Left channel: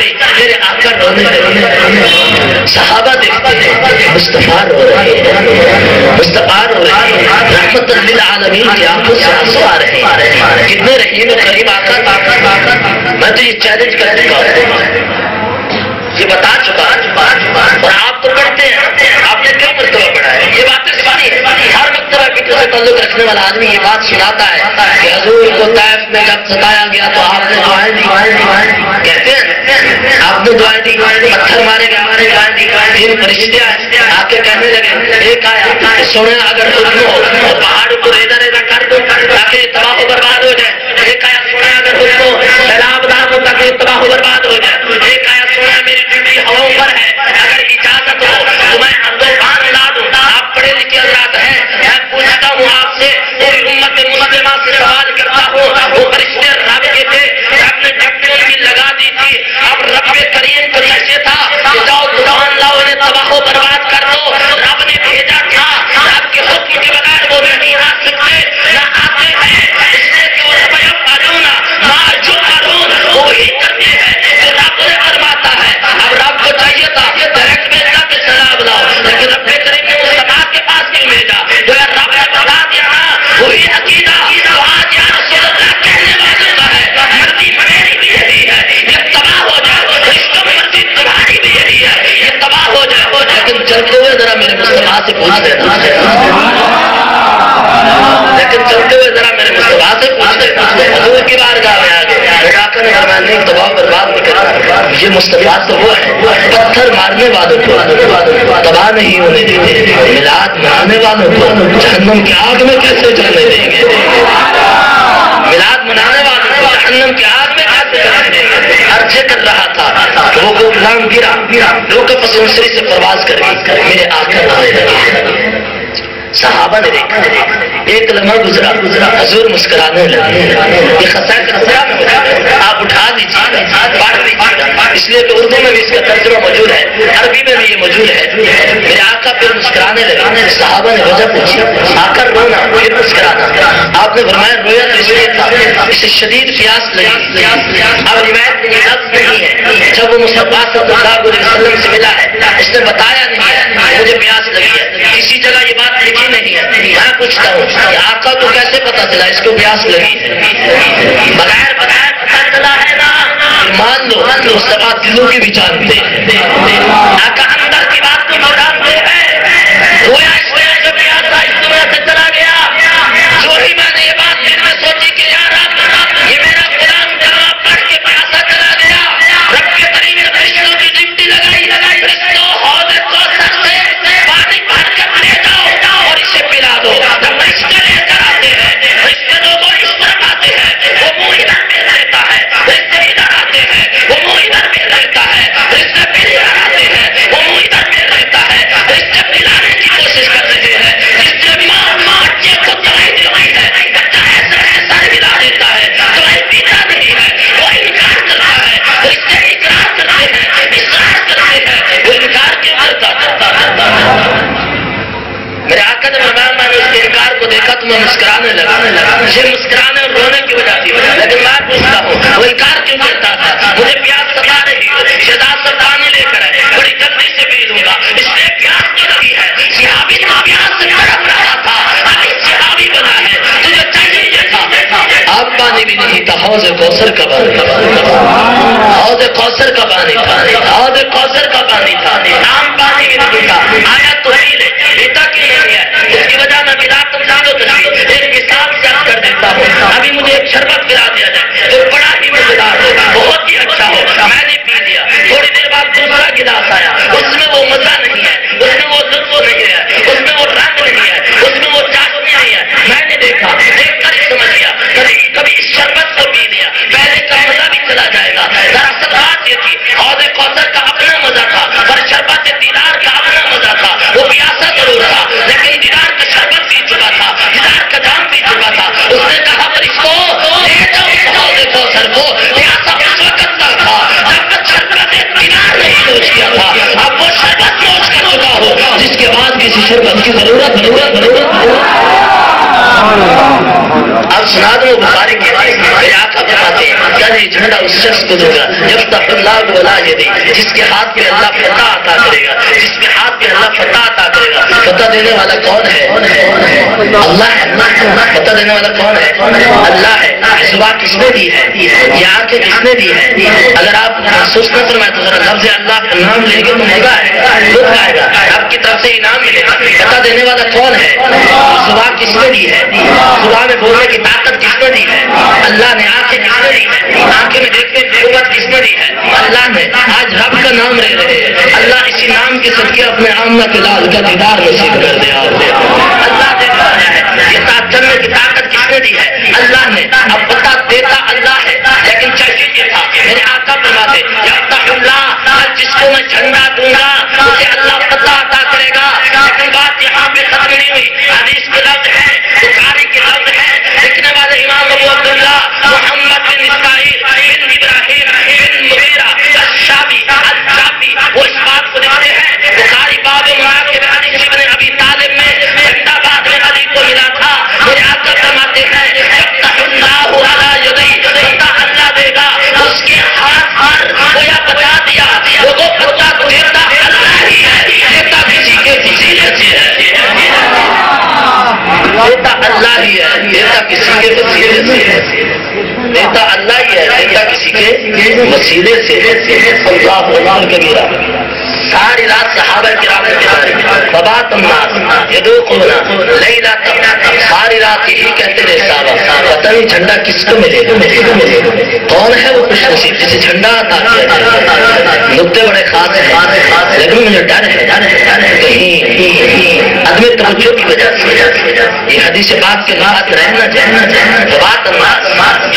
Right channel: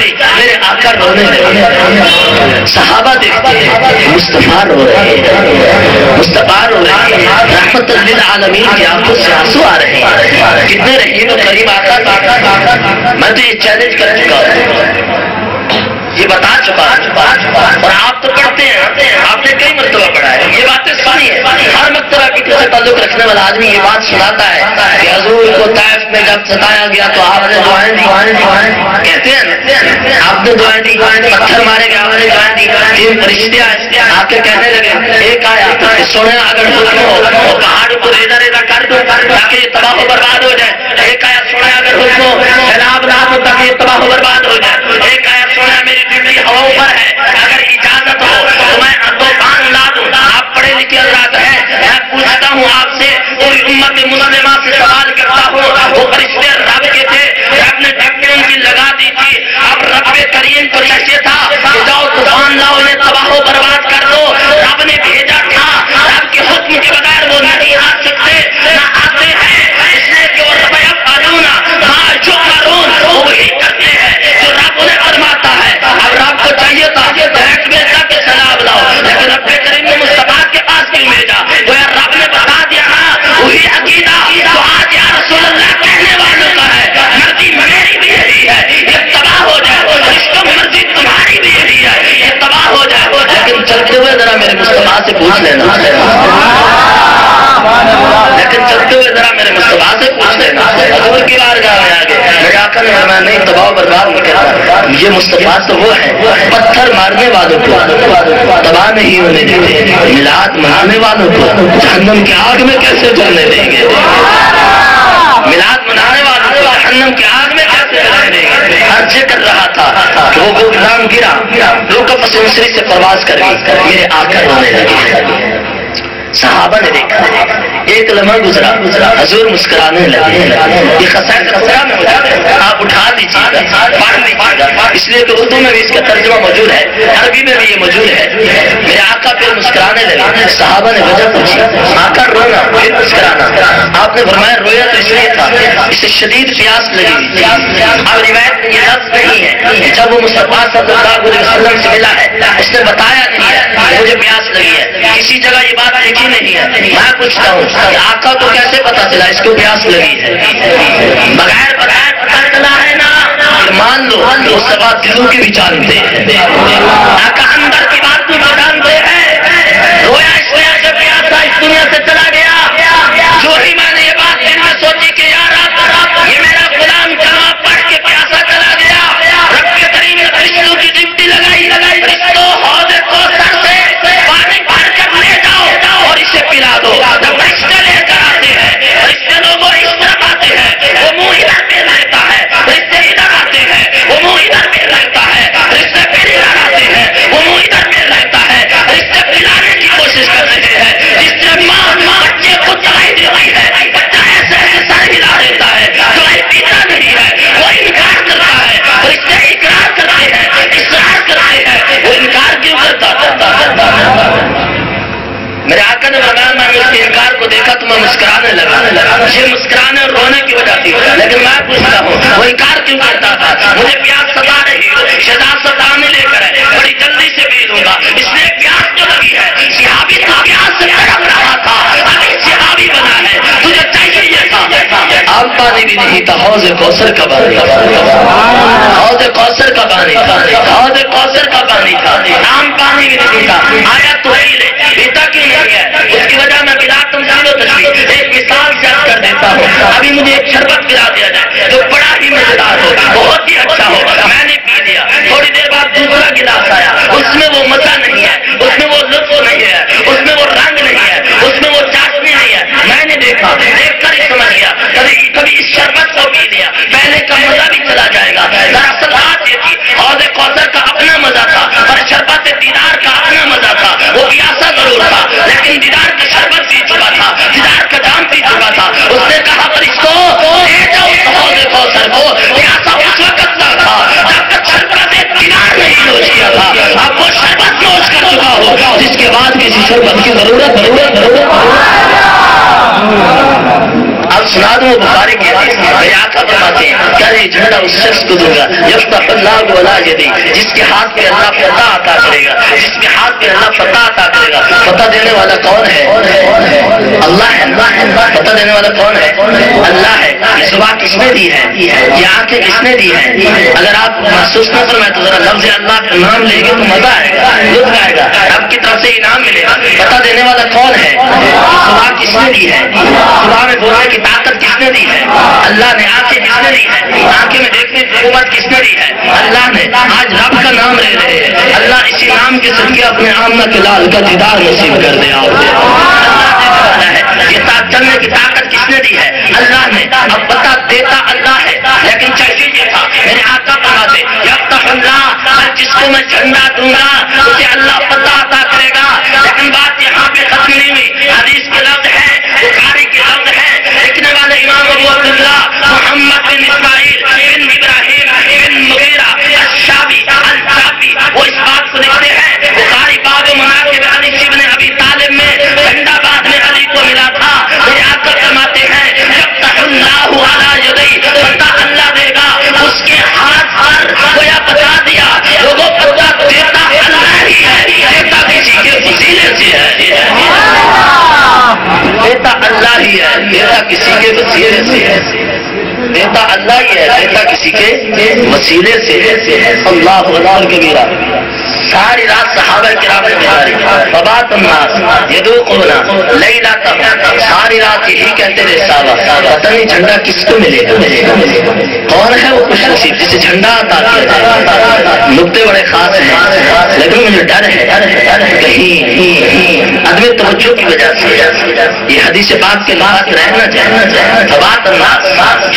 گئی، میرے آقا رونے لگے، صحابہ دیکھتے ہیں مصطفیٰ رو رہے ہیں، مصطفیٰ رو رہے ہیں، رحمت للعالمین کی آنکھوں سے آنسو آ رہے ہیں، کتنے رحیم و کریم آقا، میں تو یہ چیلنج کر چکا ہوں، یہ بتا چکا اور آپ تو پڑھتے ہیں، آپ نے کئی مرتبہ پڑھا ہے، یہ باتیں سنی ہے، ہر مرتبہ فکر سے تعلق رکھنے والا آدمی یہ بات سناتا ہے کہ حضور کو طائف میں جب ستایا گیا تو آپ نے دعائیں دی، کہتے ہیں آپ نے دعائیں دی، پتھر مارے گئے آپ نے دعائیں دی، تین فرشتے آئے آ کے کہنے لگے، ایک آیا کہ سونے اگر حکم ہو تو پہاڑ کو ریزہ ریزہ کر دو تاکہ یہ تباہ و برباد ہو جائے، ایک آیا سونا اگر حکم ہو سیلاب نہ ہو تاکہ یہ تباہ و برباد ہو جائے، ایک آیا سونا میری ڈیوٹی ہواؤں پر ہے، اگر اجازت ہو تو میں طوفان لا دوں۔ آپ پڑھے لکھے حضرات ہیں، میں پوچھتا ہوں آپ سے، پوری امت مسلمہ سے سوال کرتا ہوں، وہ فرشتے رب کے تھے، رب نے ڈیوٹی ان کی لگا دی تھی، اب رب کریم کو چاہیے تھا کہ جاؤ طوفان لاؤ انہیں تباہ و برباد کر دو، رب نے بھیجا تھا، رب کے حکم کے بغیر وہ نہیں آ سکتے، نہ آتے ہیں، اس لیے کہ وہ رب یفعلون ما یؤمرون، وہ وہی کرتے ہیں جو رب انہیں فرماتا ہے۔ اب رب کو چاہیے تھا ڈائریکٹ بھیجا کہ سیلاب لاؤ، لیکن رب کریم نے مصطفیٰ کے پاس کیوں بھیجا؟ تو یار رب نے بتا دیا نا، وہی عقیدہ تو آج یا رسول اللہ کہنے والوں کا ہے، مرضی میری بھی یہی ہے، یہ تباہ ہو جائے، رشتوں میں مرضی تمہاری بھی یہی ہے، یہ تباہ ہو جائے، لیکن چلتے ہوئے ذرا میرے مصطفیٰ سے پوچھ لینا، لیکن چلتے ہوئے ذرا میرے مصطفیٰ سے پوچھ لینا، حضور کی بارگاہ میں آگے میرے آقا نے فرمایا نہیں تباہ و برباد نہیں کرتا، یہ مصطفیٰ تو وہ ہے پتھر مارنے والوں کو تباہ نہیں ہونے دیتے، میلاد منانے والوں کو جہنم کی آگ میں کیسے جلنے دیں گے، میلاد منانے والوں کو جہنم کی آگ میں کیسے جلنے دیں گے۔ عرض کر رہا تھا کہ وہ غلام گرا، روح پسوسری سے پرواز کر گئی، میرے آقا رونے لگے، صحابہ نے دیکھا، ایک لمحہ گزرا، حضور مسکرانے لگے، یہ خسائر خسرہ میں موجود ہے، آپ اٹھا دیجیے گا، پڑھ لیجیے گا، اس لیے کہ اردو میں بھی اس کا ترجمہ موجود ہے، عربی میں بھی یہ موجود ہے، میرے آقا پھر مسکرانے لگے، صحابہ نے وجہ پوچھی، آقا رونا پھر مسکرانا، آپ نے فرمایا رویا تو اس لیے تھا اسے شدید پیاس لگی، اب روایت میں یہ لفظ نہیں ہے، جب وہ مصطفیٰ صلی اللہ علیہ وسلم سے ملا ہے اس نے بتایا نہیں ہے مجھے پیاس لگی ہے، کسی جگہ یہ بات لکھی نہیں ہے، میں پوچھتا ہوں کہ آقا کو کیسے پتا چلا اس کو پیاس لگی ہے؟ بغیر بتائے پتا چلا ہے نا، مان لو مصطفیٰ دلوں کی بھی جانتے ہیں، آقا اندر کی بات کو بھی جانتے ہیں، رویا اس وجہ سے پیاسا اس دنیا سے چلا گیا، جو ہی میں نے یہ بات دل میں سوچی کہ یار یہ میرا غلام کلمہ پڑھ کے پیاسا چلا گیا، رب کے کریم نے فرشتوں کی ڈیوٹی لگائی، فرشتوں حوض کوثر سے پانی بھر کر لے جاؤ اور اسے پلا دو، جب فرشتے لے کر آتے ہیں، فرشتے لوگوں اس طرف آتے ہیں، وہ منہ ادھر پھیر لیتا ہے، فرشتے ادھر آتے ہیں، وہ منہ ادھر پھیر لیتا ہے، فرشتے پھر ادھر آتے ہیں، وہ منہ ادھر پھیر لیتا ہے، فرشتے پلانے کی کوشش کر رہے ہیں، جس سے ماں بچے کو دوائی دیتی ہے، بچہ ایسے ایسا ہلا دیتا ہے، دوائی پیتا نہیں ہے، وہ انکار کرتا ہے، فرشتے اقرار کرتے ہیں، اصرار کرتے ہیں، وہ انکار کیوں کرتا ہے؟ میرے آقا نے فرمایا میں نے اس کے انکار کو دیکھا تو میں مسکرانے لگا، یہ مسکرانے اور رونے کی وجہ تھی، لیکن میں پوچھتا ہوں وہ انکار کیوں کرتا تھا؟ مجھے پیاس ستا رہی ہو، شہزاد ستانے لے کر ہے، بڑی جلدی سے پی لوں گا، اس لیے پیاس تو لگی ہے، صحابی تو پیاس سے تڑپ رہا تھا، ابھی صحابی بنا ہے، تجھے چاہیے یہ تھا، آب پانی بھی نہیں تھا، حوض کوثر کا پانی تھا، حوض کوثر کا پانی تھا، حوض کوثر کا پانی تھا، عام پانی بھی نہیں تھا، آیا تو ہی لے، پیتا کیوں نہیں ہے؟ اس کی وجہ میں بلا تمثیل و تشبیہ ایک مثال سے عرض کر دیتا ہوں، ابھی مجھے ایک شربت پلا دیا جائے جو بڑا ہی مزیدار ہو، بہت ہی اچھا ہو، میں نے پی لیا، تھوڑی دیر بعد دوسرا گلاس آیا، اس میں وہ مزہ نہیں ہے، اس میں وہ لطف نہیں ہے، اس میں وہ رنگ نہیں ہے، اس میں وہ چاشنی نہیں ہے، میں نے دیکھا، دیکھ کر ہی سمجھ گیا، کبھی اس شربت کو پی لیا، پہلے کا مزہ بھی چلا جائے گا، دراصل بات یہ تھی حوض کوثر کا اپنا مزہ تھا، پر شربت دیدار کا اپنا مزہ تھا، وہ پیاسا ضرور تھا لیکن دیدار کا شربت پی چکا تھا، دیدار کا جام پی چکا تھا، اس نے کہا فرشتوں لے جاؤ اس حوض کوثر کو، پیاسا اس وقت تک تھا جب تک شربت دیدار نہیں نوش کیا تھا، اب وہ شربت نوش کر چکا ہو جس کے بعد کسی شربت کی ضرورت۔ اب سنا دوں بخاری کی حدیث، میرے آقا فرماتے ہیں کہ یہ جھنڈا اس شخص کو دوں گا یفتح اللہ علی یدی، جس کے ہاتھ پہ اللہ فتح عطا کرے گا، جس کے ہاتھ پہ اللہ فتح عطا کرے گا۔ فتح دینے والا کون ہے؟ اللہ ہے۔ فتح دینے والا کون ہے؟ اللہ ہے۔ یہ زبان کس نے دی ہے؟ یہ آنکھیں کس نے دی ہے؟ اگر آپ محسوس نہ فرمائے تو ذرا لفظ اللہ کا نام لیں گے تو مزہ آئے گا، لطف آئے گا، آپ کی طرف سے انعام ملے گا۔ فتح دینے والا کون ہے؟ زبان کس نے دی ہے؟ زبان میں بولنے کی طاقت کس نے دی ہے؟ اللہ نے۔ آنکھیں کس نے دی ہے؟ آنکھیں میں دیکھنے کی قوت کس نے دی ہے؟ اللہ نے۔ آج رب کا نام لے رہے ہیں، اللہ اسی نام کے صدقے اپنے آمنہ کے لال کا دیدار نصیب کر دے آپ کو۔ اللہ دینے والا ہے۔ یہ ساتھ چلنے کی طاقت کس نے دی ہے؟ اللہ نے۔ اب پتہ دیتا اللہ ہے، لیکن چاہیے یہ تھا میرے آقا فرماتے یفتح اللہ، جس کو میں جھنڈا دوں گا اسے اللہ پتہ عطا کرے گا۔ لیکن بات یہاں پہ ختم نہیں ہوئی، حدیث کے لفظ ہیں، بخاری کے لفظ ہیں، لکھنے والے امام ابو عبداللہ محمد بن اسماعیل بن ابراہیم بن مغیرہ الشابی وہ اس بات کو لکھتے ہیں، بخاری باب مناقب علی بن ابی طالب میں جھنڈا بعد میں علی کو ملا تھا۔ میرے آقا فرماتے ہیں یفتح اللہ علی یدی، پتہ اللہ دے گا اس کے ہاتھ پر، گویا بتا دیا لوگوں پتہ دیتا اللہ ہی ہے، دیتا کسی کے وسیلے سے ہے، دیتا اللہ ہی ہے، دیتا کسی کے وسیلے سے ہے، دیتا اللہ ہی ہے، دیتا کسی کے وسیلے سے ہے۔ اللہ اکبر کبیرہ۔ ساری رات صحابہ کرام نے گزاری، فبات الناس یذوقون لیلتهم، ساری رات یہی کہتے رہے صحابہ پتہ نہیں جھنڈا کس کو ملے گا، کون ہے وہ خوش نصیب جسے جھنڈا عطا کیا جائے۔ نقطے بڑے خاص ہیں، لیکن مجھے ڈر ہے کہیں عدم توجہ کی وجہ سے یہ حدیث پاک کے ساتھ رہنا چاہیے۔ فبات الناس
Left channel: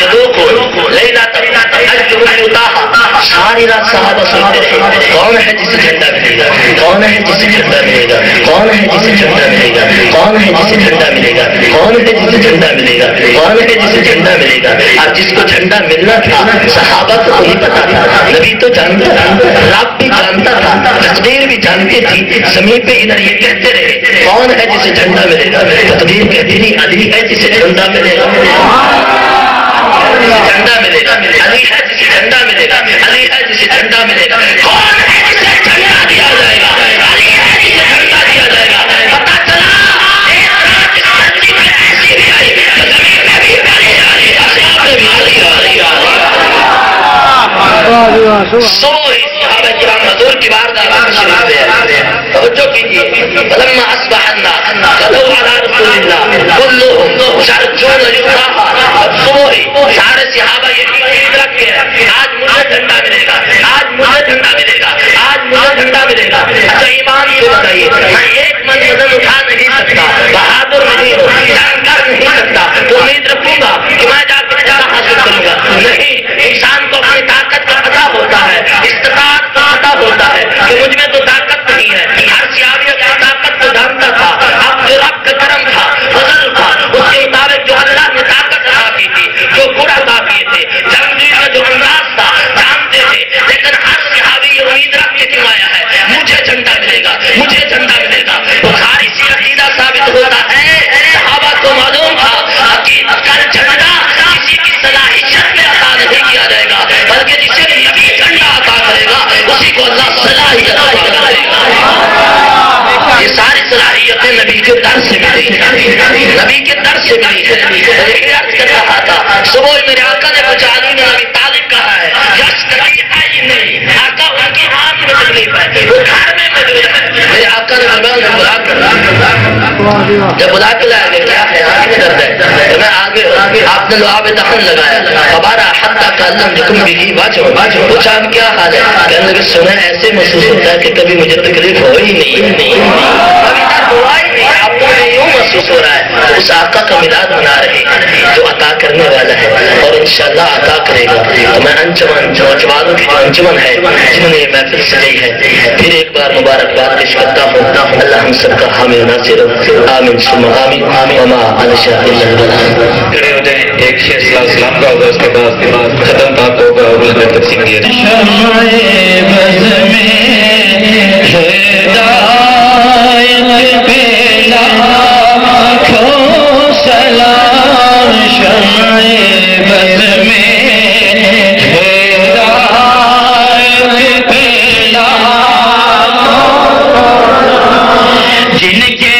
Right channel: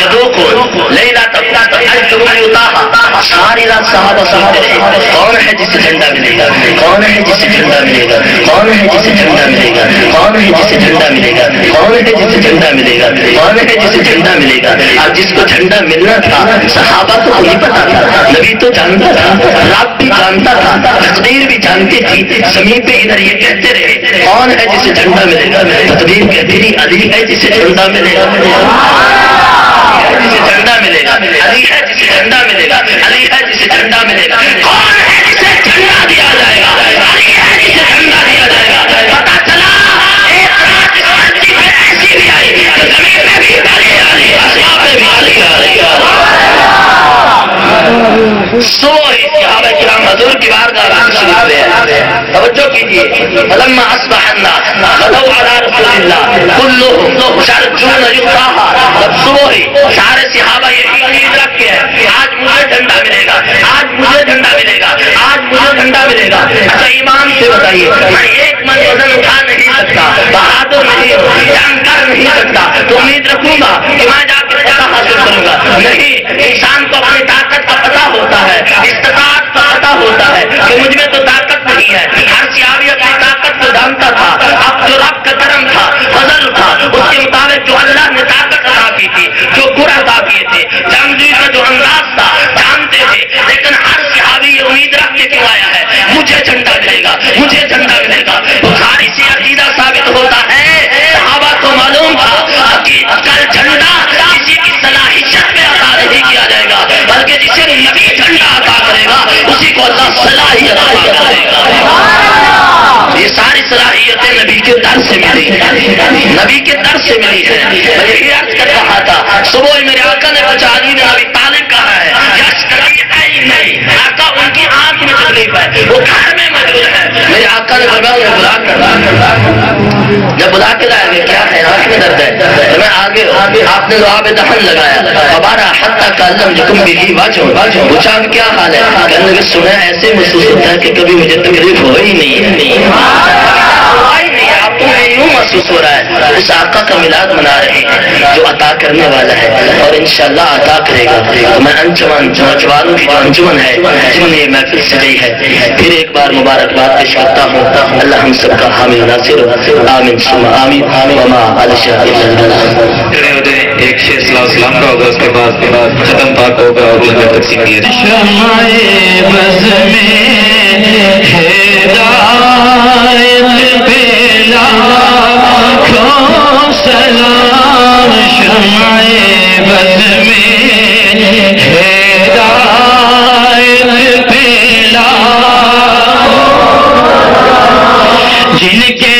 یذوقون لیلتهم اجرهم یطاها، ساری رات صحابہ سنتے رہے کون ہے جسے جھنڈا ملے گا، کون ہے جسے جھنڈا ملے گا، کون ہے جسے جھنڈا ملے گا، کون ہے جسے جھنڈا ملے گا، کون ہے جسے جھنڈا ملے گا، کون ہے جسے جھنڈا ملے گا۔ اب جس کو جھنڈا ملنا تھا صحابہ کو نہیں پتا تھا، نبی تو جانتا تھا، رب بھی جانتا تھا، تقدیر بھی جانتی تھی، زمین پہ ادھر یہ کہتے رہے کون ہے جسے جھنڈا ملے گا، تقدیر کہتی تھی علی ہے جسے جھنڈا ملے گا، جھنڈا ملے گا، علی ہے جسے جھنڈا ملے گا، علی ہے جسے جھنڈا ملے گا، کون ہے جسے جھنڈا دیا جائے گا، علی ہے جسے جھنڈا دیا جائے گا۔ پتہ چلا ایک رات اس دھرتی پہ ایسی بھی آئی کہ زمین میں بھی علی علی، آسمان میں بھی علی علی۔ صبح ہی صحابہ کرام حضور کی بارگاہ میں شریف لے آئے، توجہ کیجیے، فلما اصبح الناس غدوا علی رسول اللہ كلهم يرجون يطاها، جب صبح ہی سارے صحابہ یہی امید رکھ کے ہیں آج مجھے جھنڈا ملے گا، آج مجھے جھنڈا ملے گا، آج مجھے جھنڈا ملے گا۔ اچھا ایمان سے بتائیے، میں ایک من وزن اٹھا نہیں سکتا، بہادر نہیں ہوں، جنگ کر نہیں سکتا، تو امید رکھوں گا کہ میں جا کے فتح حاصل کروں گا؟ نہیں، انسان کو اپنی طاقت کا پتہ ہوتا ہے، استطاعت کا پتہ ہوتا ہے کہ مجھ میں تو طاقت نہیں ہے۔ ہر صحابی اپنی طاقت کو جانتا تھا، اب جو رب کا کرم تھا، فضل تھا، اس کے مطابق جو اللہ نے طاقت عطا کی تھی، جو گر عطا کیے تھے، جنگجوئی کا جو انداز تھا جانتے تھے، لیکن ہر صحابی یہ امید رکھ کے کیوں آیا ہے مجھے جھنڈا ملے گا، مجھے جھنڈا ملے گا۔ بخاری سے عقیدہ ثابت ہوتا ہے، صحابہ کو معلوم تھا کہ کل جھنڈا کسی کی صلاحیت میں عطا نہیں کیا جائے گا، بلکہ جسے نبی جھنڈا عطا کرے گا اسی کو اللہ صلاحیت عطا کرے گا۔ یہ ساری صلاحیتیں نبی کے در سے ملی، نبی کے در سے ملی ہے۔ میں یہی عرض کر رہا تھا، صبح میرے آقا نے کچھ علی نے نبی طالب کہا ہے یس کبھی نہیں، آقا ان کی آنکھ میں تکلیف ہے، وہ گھر میں موجود ہے۔ میرے آقا نے بلا کر جب بلا کے لایا گیا کیا ہے آنکھ میں درد ہے، تو میں آگے آپ نے لعاب دہن لگایا، ہمارا حتیٰ کالم جکم بھی واجو، پوچھا کیا حال ہے، کہنے لگے سنا ایسے محسوس ہوتا ہے کہ کبھی مجھے تکلیف ہو ہی نہیں، ہوا ہی نہیں، آپ کو یوں محسوس ہو رہا ہے۔ اس آقا کا میلاد منا رہے ہیں جو عطا کرنے والا ہے اور انشاءاللہ عطا کرے گا۔ تو میں انجمن نوجوانوں کی جو انجمن ہے جنہوں نے یہ محفل سجائی ہے، پھر ایک بار مبارکباد پیش کرتا ہوں، اللہ ہم سب کا حامی ناصر ہو، آمین ثم آمین، وما علی الشاء۔ کھڑے ہو جائیں، ایک شیخ صلی اللہ علیہ وسلم کا ہوگا، اس کے بعد ختم پاک ہوگا اور اس میں تقسیم کیا جائے گا۔ سلام شمع بد میں ہدایت پھیلا جن کے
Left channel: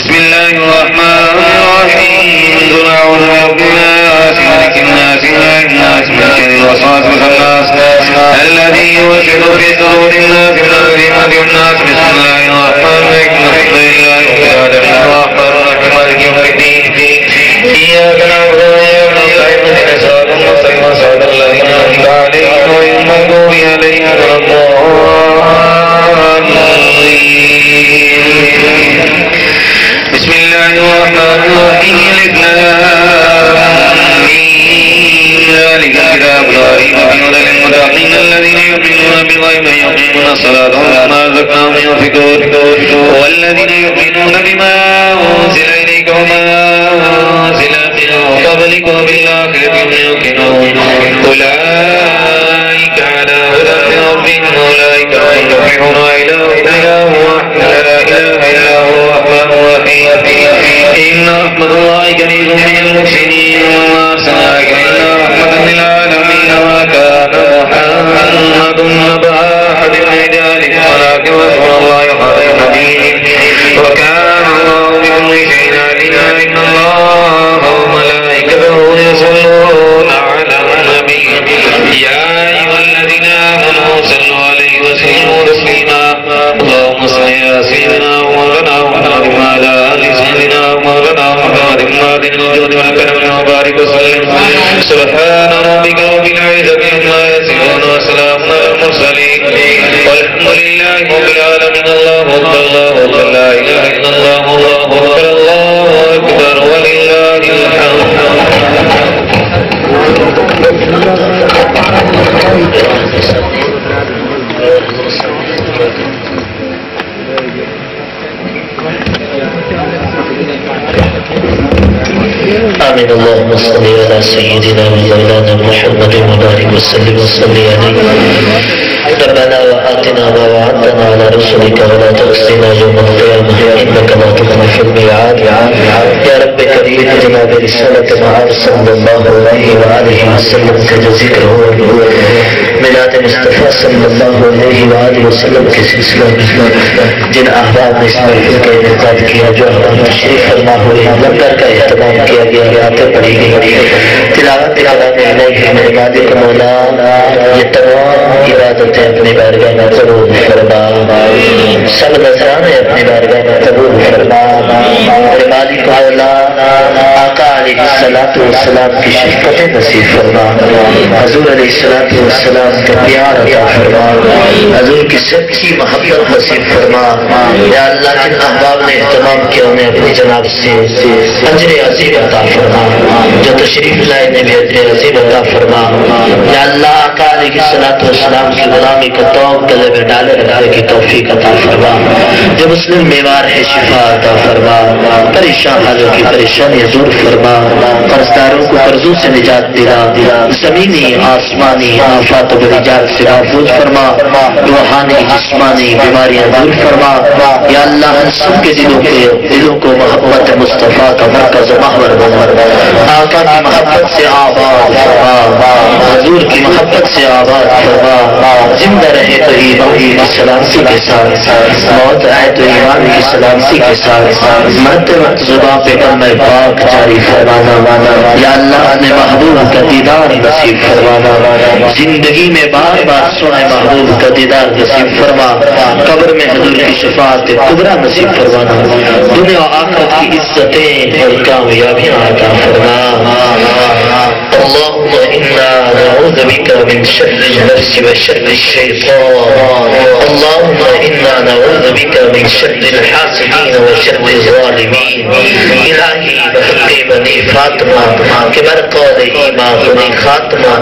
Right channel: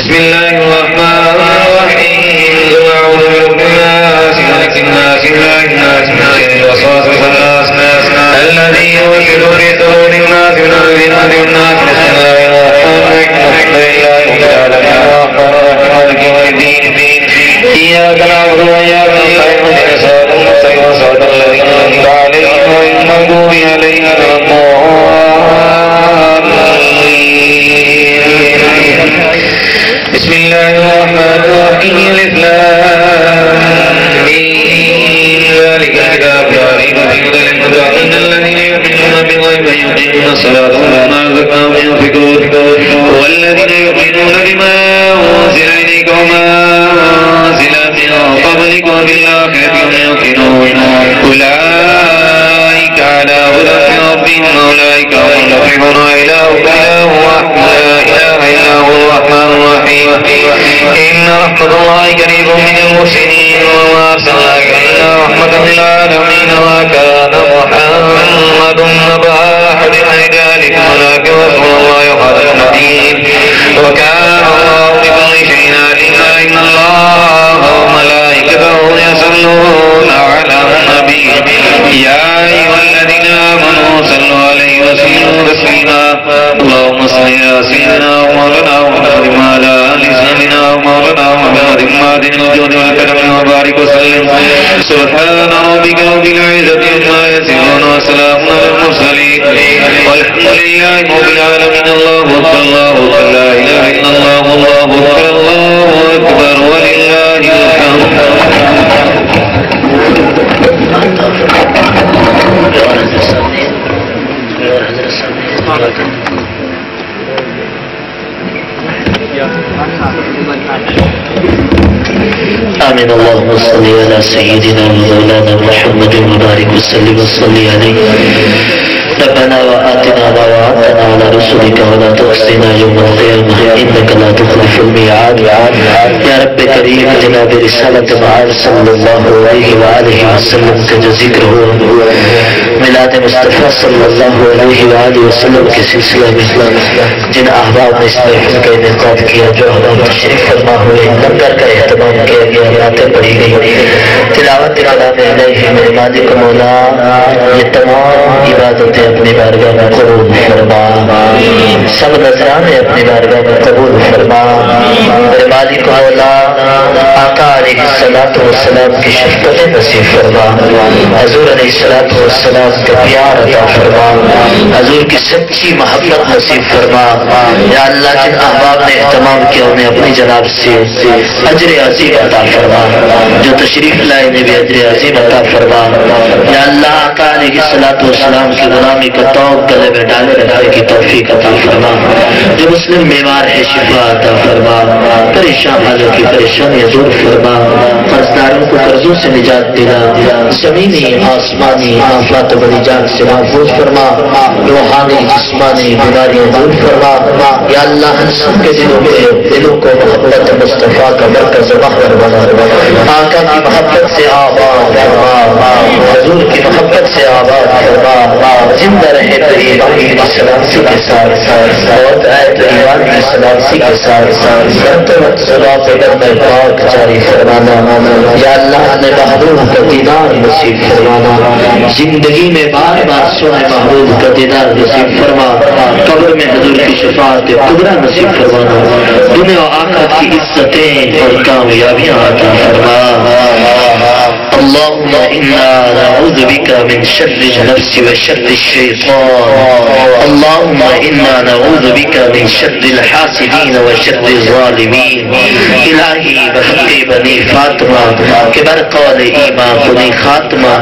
بسم الله الرحمن الرحيم قل أعوذ برب الناس ملك الناس إله الناس من شر الوسواس الخناس الذي يوسوس في صدور الناس من الذين الناس. بسم الله الرحمن الرحيم الحمد لله رب العالمين الرحمن الرحيم مالك يوم الدين إياك نعبد وإياك نستعين اهدنا الصراط المستقيم صراط الذين أنعمت عليهم غير المغضوب عليهم ولا الضالين. بسم الله الرحمن الرحيم ذلك الكتاب لا ريب فيه هدى للمتقين الذين يؤمنون بالغيب ويقيمون الصلاة ومما رزقناهم ينفقون والذين يؤمنون بما أنزل إليك وما أنزل من قبلك قبلك وبالآخرة هم يوقنون أولئك على هدى من ربهم أولئك هم المفلحون إله واحد لا إله إلا هو الرحمن الرحيم إن رحمة الله قريب من المحسنين وما أرسلناك إلا رحمة للعالمين ما كان محمد أبا أحد من رجالكم ولكن رسول الله وخاتم النبيين وكان الله بكل شيء عليما إن الله وملائكته يصلون على النبي يا أيها الذين آمنوا صلوا عليه وسلموا تسليما اللهم صل على سيدنا ومولانا محمد وعلى آل سيدنا ومولانا محمد معدن الجود والكرم وبارك وسلم سبحان ربك رب العزة عما يصفون وسلام على المرسلين والحمد لله رب العالمين الله أكبر الله أكبر لا إله إلا الله الله أكبر الله أكبر ولله الحمد آمين اللهم صل على سيدنا ومولانا محمد وبارك وسلم وصلي عليه ربنا وآتنا ما وعدتنا على رسلك ولا تخزنا يوم القيامة إنك لا تخلف الميعاد يا رب كريم جناب رسالة معاذ صلى الله عليه وآله وسلم کا ذکر ہو میلاد مصطفیٰ صلی اللہ علیہ وآلہ وسلم کے سلسلہ میں جن احباب نے اس محفل کا انعقاد کیا جو احباب تشریف فرما ہوئے لنگر کا اہتمام کیا گیا باتیں پڑھی گئی تلاوت کلام الہی میرے مالک مولا یہ تمام عبادتیں اپنی بارگاہ میں قبول فرما سب نذرانے اپنی بارگاہ میں قبول فرما میرے مالک مولا آقا علیہ السلام کی شفقت نصیب فرما حضور علیہ السلام کا پیار عطا فرما حضور کی سچی محبت نصیب فرما یا اللہ جن احباب نے اہتمام کیا انہیں اپنی جناب سے اجر عظیم عطا فرما جو تشریف لائے نے بھی اجر عظیم عطا فرما یا اللہ آقا علیہ السلام کی غلامی کو توق گلے میں ڈالے رکھنے کی توفیق عطا فرما جو مسلم بیمار ہے شفا عطا فرما پریشان حالوں کی پریشانیاں دور فرما قرضداروں کو قرضوں سے نجات دلا زمینی آسمانی آفات و بلیجات سے محفوظ فرما روحانی جسمانی بیماریاں دور فرما یا اللہ ہم سب کے دلوں کو محبت مصطفیٰ کا مرکز و محور بنا آقا کی محبت سے آباد فرما حضور کی محبت سے آباد فرما زندہ رہے تو ایمان کی سلامتی کے ساتھ موت آئے تو ایمان کی سلامتی کے ساتھ مرتے وقت زباں پہ کلمہ پاک جاری فرمانا یا اللہ نے محبوب کا دیدار نصیب فرمانا زندگی میں بار بار سونے محبوب کا دیدار نصیب فرما قبر میں حضور کی شفاعت قدرہ نصیب فرمانا دنیا و آخرت کی عزتیں اور کامیابیاں عطا فرما اللهم إنا نعوذ بك من شر النفس وشر الشيطان اللهم إنا نعوذ بك من شر الحاسدين وشر الظالمين الہی بحق بنی فاطمہ کہ برقال ایمان کنی خاتمہ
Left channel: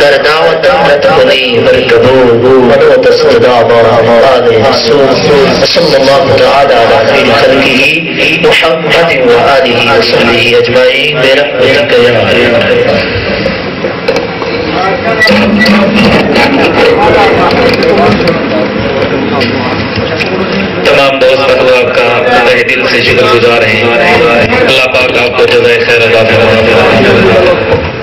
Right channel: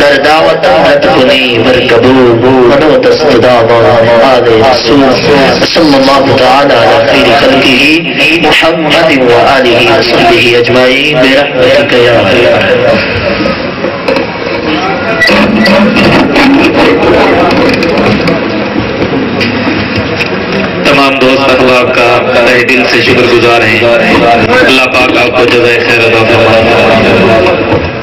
در دعوت امت کنی برکبول منو دستداما آل رسول صلی اللہ تعالی علی خیر خلقه محمد و آلہ وصحبہ اجمعین برحمتک یا خیر تمام دوست احباب کا تہہ دل سے شکر گزار ہیں اللہ پاک آپ کو جزائے خیر عطا فرمائے